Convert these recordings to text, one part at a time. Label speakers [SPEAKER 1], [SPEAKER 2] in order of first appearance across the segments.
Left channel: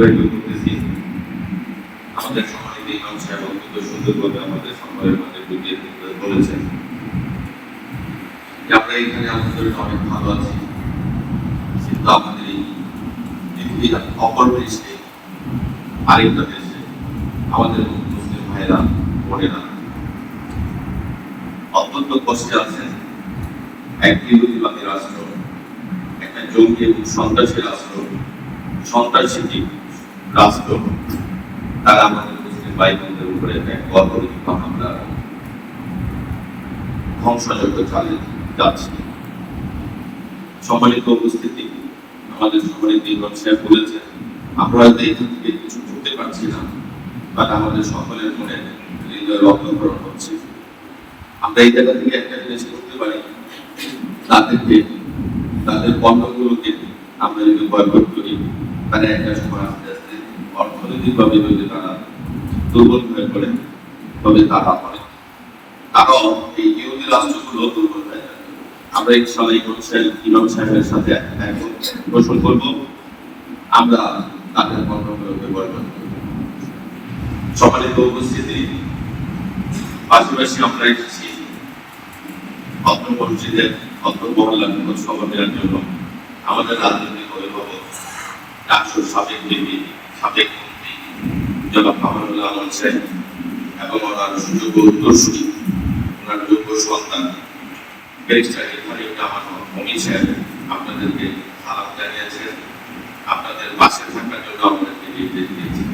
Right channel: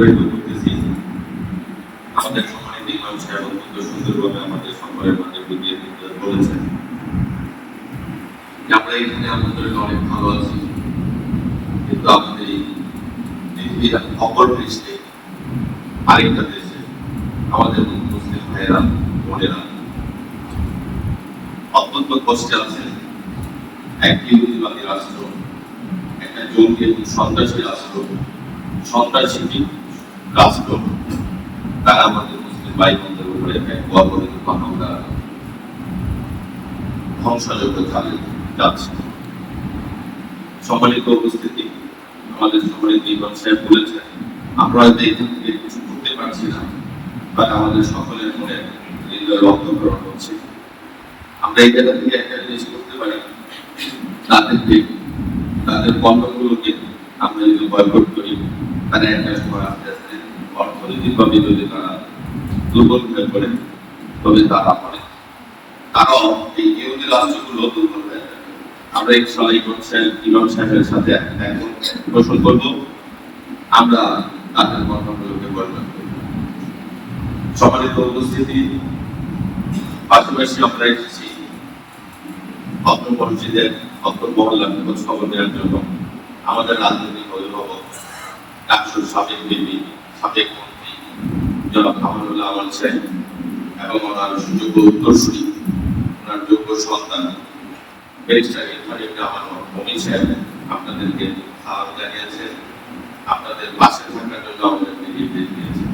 [SPEAKER 1] অতিবাহিত আমাদের সাহেব অত্যন্ত সুন্দরভাবে আমাদের দিতে বলেছেন আমরা এখানে আমাদের অনেক ভালো আছি। কিন্তু আমাদের এই পৃথিবীর অপর পৃষ্ঠে আরেকটা দেশে আমাদের মুসলিম ভাইরা বোনেরা অত্যন্ত কষ্টে আছেন। এক ইহুদিবাদী রাষ্ট্র, একটা জঙ্গি এবং সন্ত্রাসী রাষ্ট্র, সন্ত্রাসী রাষ্ট্র তারা আমাদের মুসলিম উপরে এক অপরাধী আমরা ধ্বংসযোগ্য উপস্থিতি, আমাদের সাহেব বলেছেন এখান থেকে কিছু করতে পারছি না আমাদের সকলের মনে হৃদয় হচ্ছে। আমরা এই জায়গা থেকে একটা জিনিস করতে পারি। তাদেরকে, তাদের কর্মগুলোকে আমরা যদি বয়কট করি, তারা একটা সময় আস্তে যদি তারা দুর্বল হয়ে পড়ে, তবে তারা পড়ে। তারাও এই ইহুদি রাষ্ট্রগুলো দুর্বল হয়ে আমরা ইনশাআল্লাহ ইমাম সাহেব, ইমাম সাহেবের সাথে পোষণ করব। আমরা তাদের কর্মগুলোকে বয়কট করব। সম্মানিত উপস্থিতি। পাশাপাশি আমরা এসেছি অত্র মসজিদের অত্র মহল্লার খবর নেওয়ার জন্য। আমাদের রাজনৈতিক অভিভাবক ডাক্তার সাবেক দেবী সাবেক জনাব মাহমুদুল্লাহ আলম এবং ওনার সুযোগ্য উত্তরসূরি ওনার যোগ্য সন্তান আপনাদেরকে সালাম জানিয়েছেন আপনাদের পাশে থাকার জন্য আমাদেরকে নির্দেশ দিয়েছেন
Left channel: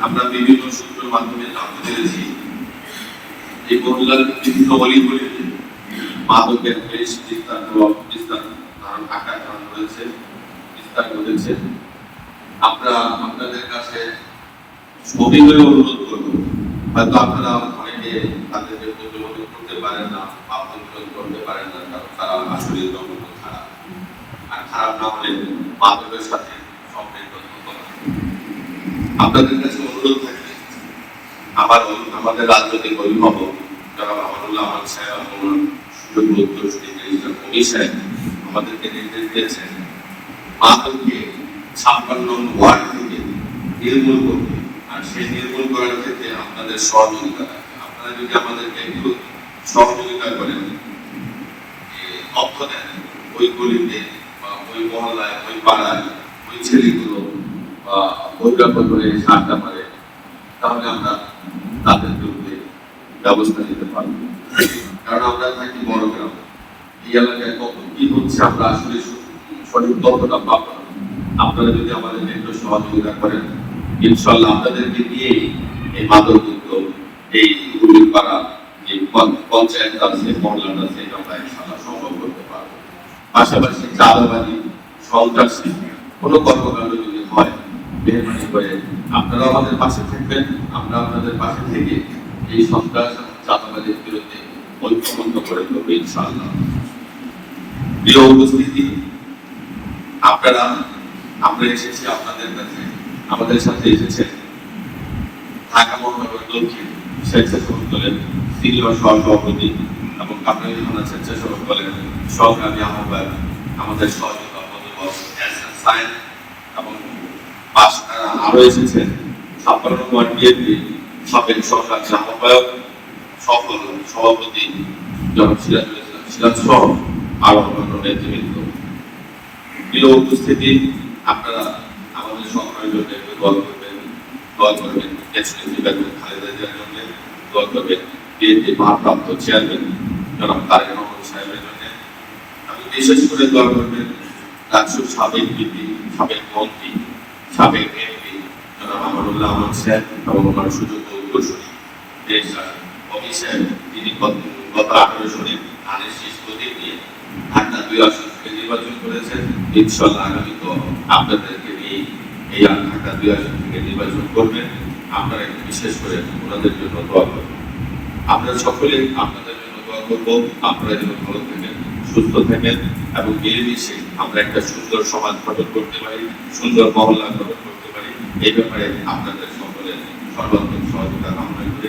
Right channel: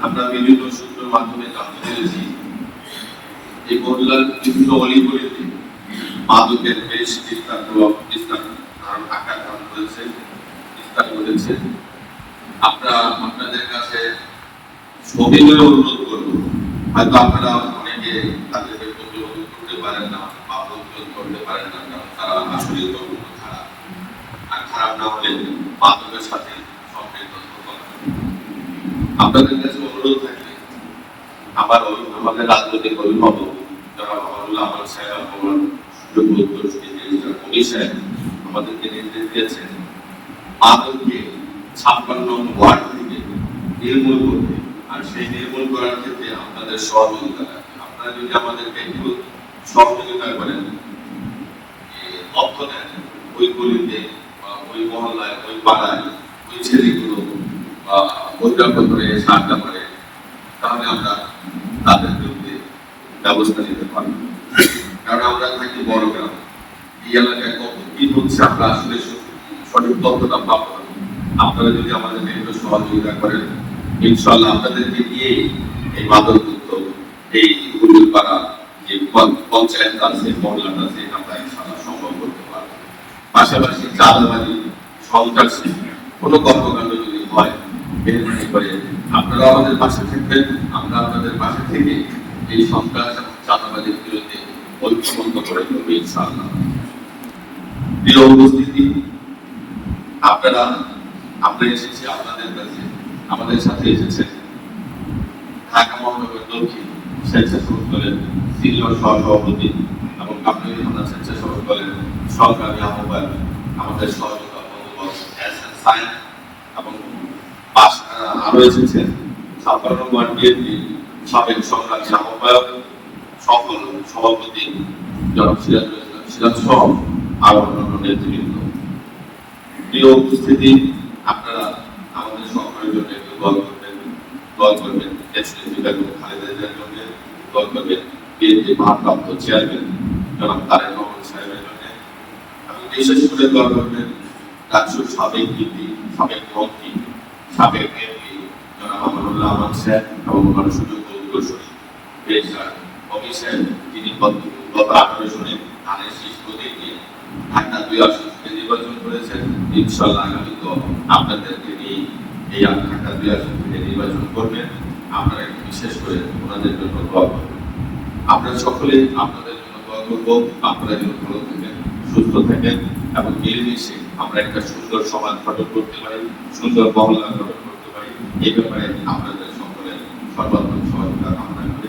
[SPEAKER 1] আমরা বিভিন্ন সূত্র মাধ্যমে জানতে পেরেছি এই মহিলার বিভিন্ন অলিগলিতে মাদকের বেশ বিস্তার বিস্তার ধারণ আকার ধারণ করেছে, বিস্তার করেছে আমরা আপনাদের কাছে সবিনয় অনুরোধ করব হয়তো আপনারা অনেকে তাদেরকে যোগাযোগ করতে পারেন না বা অনুরোধ করতে পারেন না তারা আসলে খারাপ আর খারাপ না হলে মাদকের সাথে। আপনাদের কাছে অনুরোধ থাকবে আবার আমাদের রাজনৈতিক অভিভাবক যারা আল্লাহ আমার সাহেব আমার সাহেব আমাদেরকে নির্দেশ দিয়েছেন মাদককে ছাপ্পান্ন ওয়ার্ড থেকে নির্মূল করতে আর সেই নির্মূল করার ক্ষেত্রে আপনাদের সহযোগিতা থাকে। আপনারা যদি আমাদেরকে একটু সহযোগিতা করেন অর্থ দেন, ওই গলিতে বা ওই মহল্লায়, ওই পাড়ায়, ওই ছেলেগুলো বা বৈঠক করে সাহায্য করে, তাহলে আমরা তাদের বিরুদ্ধে ব্যবস্থা নিতে পারব। কারণ আমরা থাকি বড় গ্রাম। এই এলাকায় কত কি হচ্ছে, আমরা আসলে সঠিক তথ্যটা পাবো। আপনারা যদি আমাদেরকে একটু সহযোগিতা করেন ইনশাল্লাহ আপনাদেরকে নিয়ে এই মাদকযুক্ত এই হুলুর পাড়া যে পঞ্চায়েত আছে মহল্লাটা আছে, আমরা ইনশাল্লাহ সম্ভব করতে পারব। পাশাপাশি চাঁদাবাজি সন্ত্রাসী কোনো কর্মকাণ্ড যদি হয় মেহরবানি করে আপনারা আমাদের পাশে থাকবেন, আমরা আপনাদের পাশে থেকে এই সন্ত্রাস, চাঁদাবাজির বিরুদ্ধে ঐক্যমন্ত করে দেবো ইনশাআল্লাহ। প্রিয় উপস্থিতি, আপনারা আমরা এসেছি আপনাদের কাছে, আমাদের সাথে এসেছেন ঢাকা মহানগর দক্ষিণ স্বেচ্ছাসেবক দলের সিনিয়র সহসভাপতি এবং মনে স্বেচ্ছাসেবক দলের সহকারী আহ্বায়ক, আমাদের সহযোগী সায়েন্স এবং আরও এসেছেন। ছাপ্পান্ন নম্বর বিএনপি সাবেক সরকার আহ্বায়ক, সফল সভাপতি জনাব সিরাজ সিরাজ সহ আরও অন্যান্য নেতৃবৃন্দ। প্রিয় উপস্থিতি খালেদা জন্য বিএনপি চেয়ারম্যান তারেক সাহেবের জন্য আমি বিশেষ করে করবেন সাবেক বিপি সাবেক মন্ত্রী সাবেক এমপি জনাব আমানুল্লাহ আহমদ সাহেব এবং দেশরা কবি সাহেব তিনি গত আঠারো নিয়ে ঢাকা দুই নির্বাচন করেছেন ইনশাল্লাহ আগামী তো আপনাদেরকে নিয়ে এই আত্মাটা দুই আসন থেকে নির্বাচন করবেন। আপনারা বিশেষ করে আপনাদের জন্য দোয়া করবেন। আমরা সকলে আপনাদের জন্য দোয়া করব। আপনারা যেন ভালো থাকেন, সুস্থ থাকেন এবং মিলেমিশে আমরা একটা সুন্দর সমাজ গঠন করতে পারি, সুন্দর মহল্লা গঠন করতে পারি। এই ব্যাপারে আপনাদের সকলের সর্বাত্মক সহযোগিতা কামনা করে